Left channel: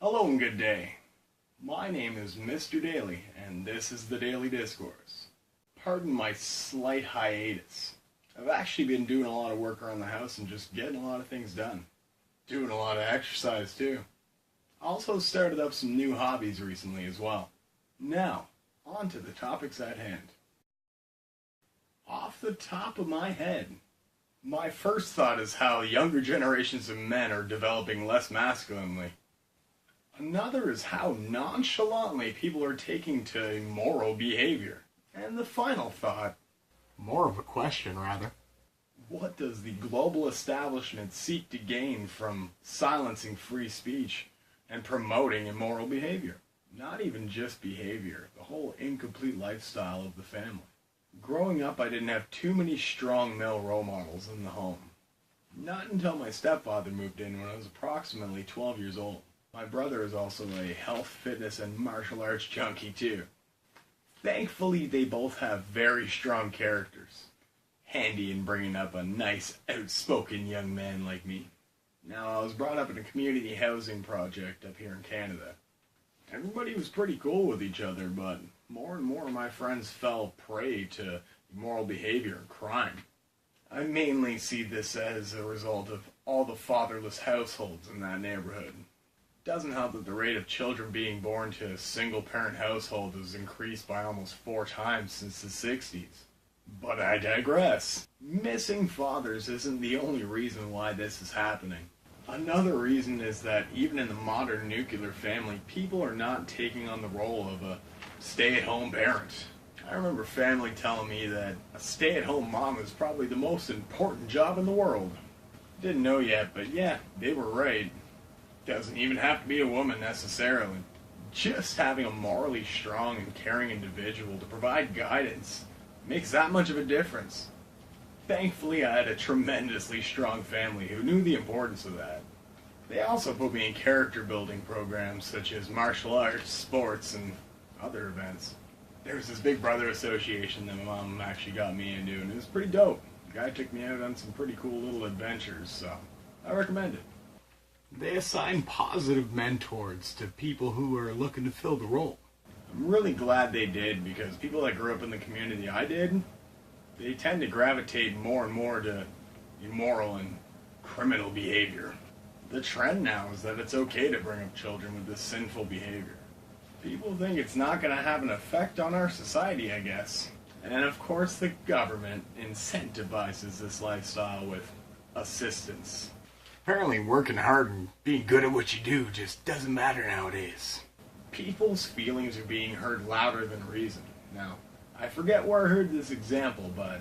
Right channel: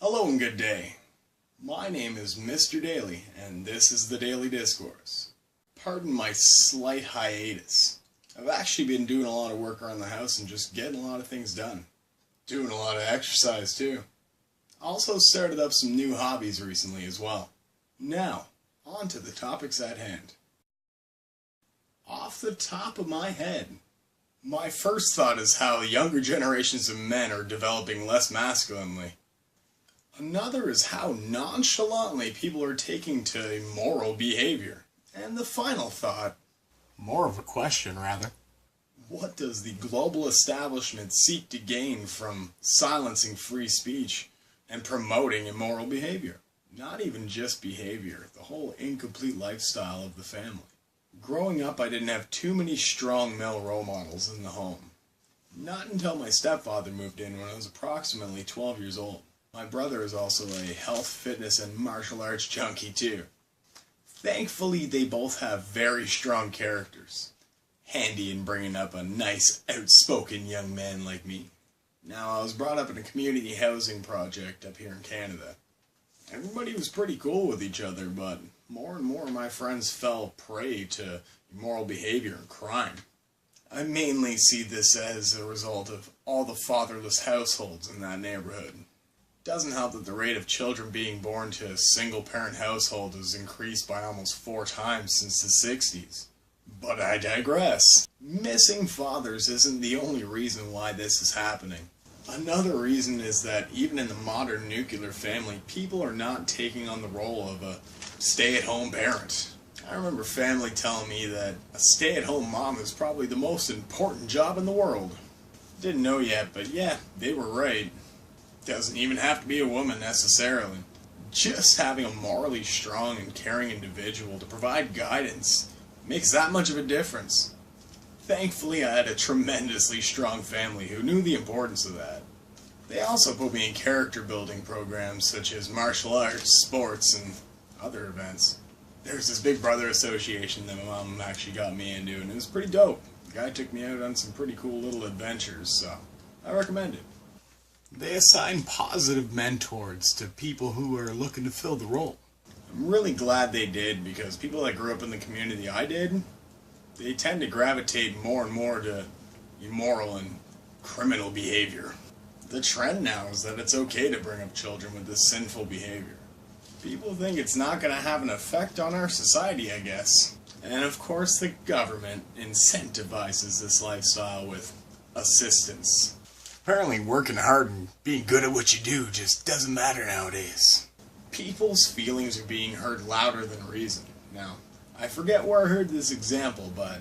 Hello and good day. My name is Mr. Daily, and this is the Daily Discourse. Pardon my slight hiatus. I've actually been doing a lot of work around the house and just getting a lot of things done. Doing a lot of exercise too. Also started up some new hobbies recently as well. Now, on to the topics at hand. Off the top of my head, my first thought is how younger generations of men are developing less masculinely. Another is how nonchalantly people are taking to immoral behavior. And the final thought, more of a question rather, what does the global establishment seek to gain from silencing free speech and promoting immoral behavior? Not even just behavior, the whole incomplete lifestyle of the family. Growing up, I didn't have too many strong male role models in the home. Not until my stepfather moved in when I was approximately 12 years old. My brother is also a health, fitness, and martial arts junkie too. Thankfully, they both have very strong characters. Handy in bringing up a nice, outspoken young man like me. Now, I was brought up in a community housing project up here in Canada. Everybody was pretty cool with each other, but more and more of my friends fell prey to immoral behavior and crime. I mainly see this as a result of all the fatherless households in that neighborhood. Doesn't help that the rate of children being born to a single-parent household has increased by almost 4 times since the 60s. But I digress. Missing fathers isn't the only reason why this is happening. Another reason is that even in the modern nuclear family, people are not taking on the role of a stay-at-home parent. I remember family telling me that a stay-at-home mom is probably the most important job in the world. Didn't know yet, but yeah, they were right. Doesn't even have to be a woman necessarily. Just having a morally strong and caring individual to provide guidance makes that much of a difference. Thankfully, I had a tremendously strong family who knew the importance of that. They also put me in character building programs such as martial arts, sports, and other events. There's this Big Brother association that my mom actually got me into, and it was pretty dope. The guy took me out on some pretty cool little adventures, so I recommend it. They assign positive mentors to people who are looking to fill the role. I'm really glad they did, because people that grew up in the community I did, they tend to gravitate more and more to immoral and criminal behavior. The trend now is that it's okay to bring up children with this sinful behavior. People think it's not going to have an effect on our society, I guess. And of course the government incentivizes this lifestyle with assistance. Apparently working hard and being good at what you do just doesn't matter nowadays. People's feelings are being heard louder than reason. Now, I forget where I heard this example, but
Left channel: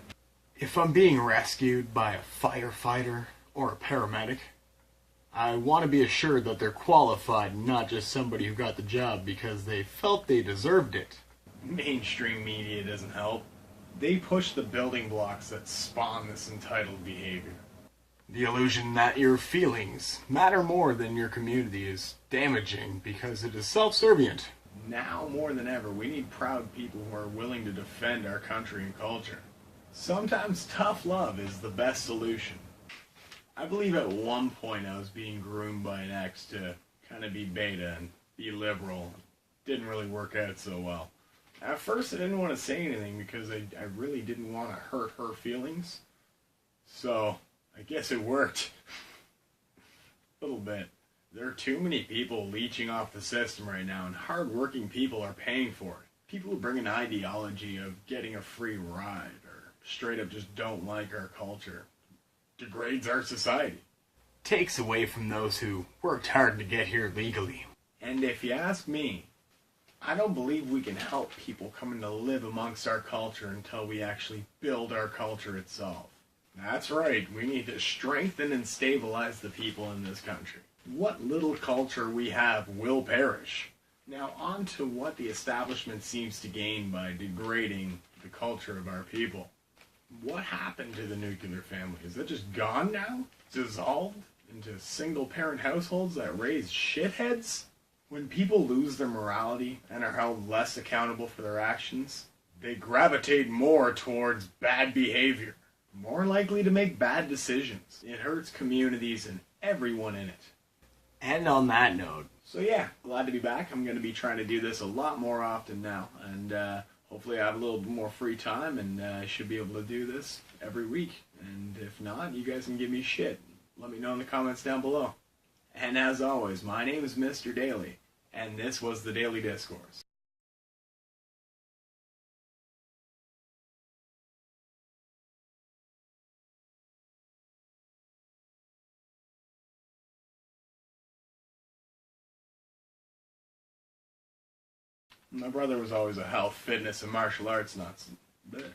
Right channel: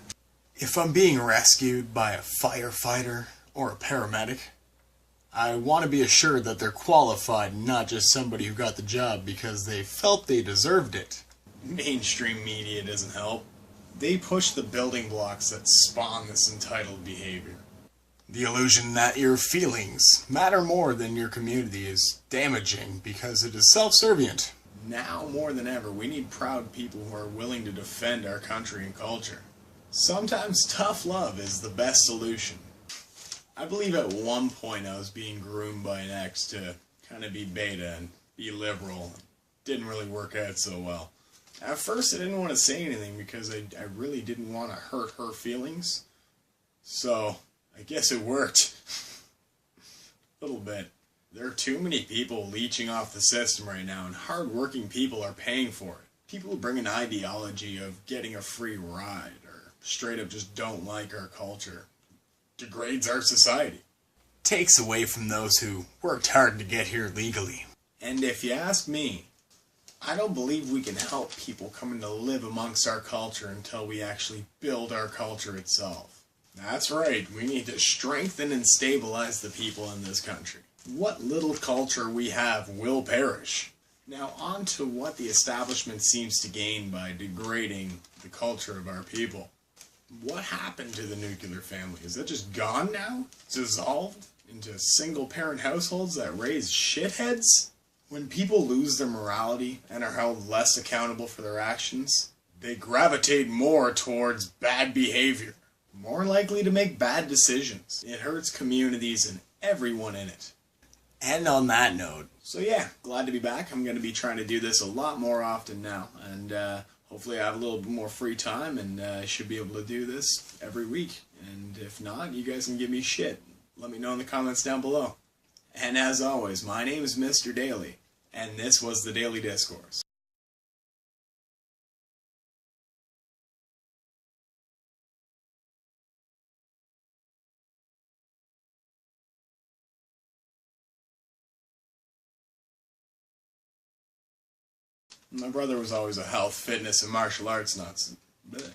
if I'm being rescued by a firefighter or a paramedic, I want to be assured that they're qualified and not just somebody who got the job because they felt they deserved it. Mainstream media doesn't help. They push the building blocks that spawn this entitled behavior. The illusion that your feelings matter more than your community is damaging because it is self-servient. Now more than ever, we need proud people who are willing to defend our country and culture. Sometimes tough love is the best solution. I believe at one point I was being groomed by an ex to kind of be beta and be liberal. Didn't really work out so well. At first I didn't want to say anything because I really didn't want to hurt her feelings. So I guess it worked. A little bit. There are too many people leeching off the system right now, and hard-working people are paying for it. People who bring an ideology of getting a free ride, or straight up just don't like our culture, degrades our society. Takes away from those who worked hard to get here legally. And if you ask me, I don't believe we can help people coming to live amongst our culture until we actually build our culture itself. That's right, we need to strengthen and stabilize the people in this country. What little culture we have will perish. Now on to what the establishment seems to gain by degrading the culture of our people. What happened to the nuclear family? Is that just gone now? Dissolved into single-parent households that raise shitheads? When people lose their morality and are held less accountable for their actions, they gravitate more towards bad behavior. More likely to make bad decisions. It hurts communities and everyone in it. And on that note, So yeah, glad to be back. I'm going to be trying to do this a lot more often now, and hopefully I have a little bit more free time, and I should be able to do this every week. And if not, you guys can give me shit. Let me know in the comments down below. And as always, my name is Mr. Daily, and this was the Daily Discourse. My brother was always a health, fitness, and martial arts nuts. Blech.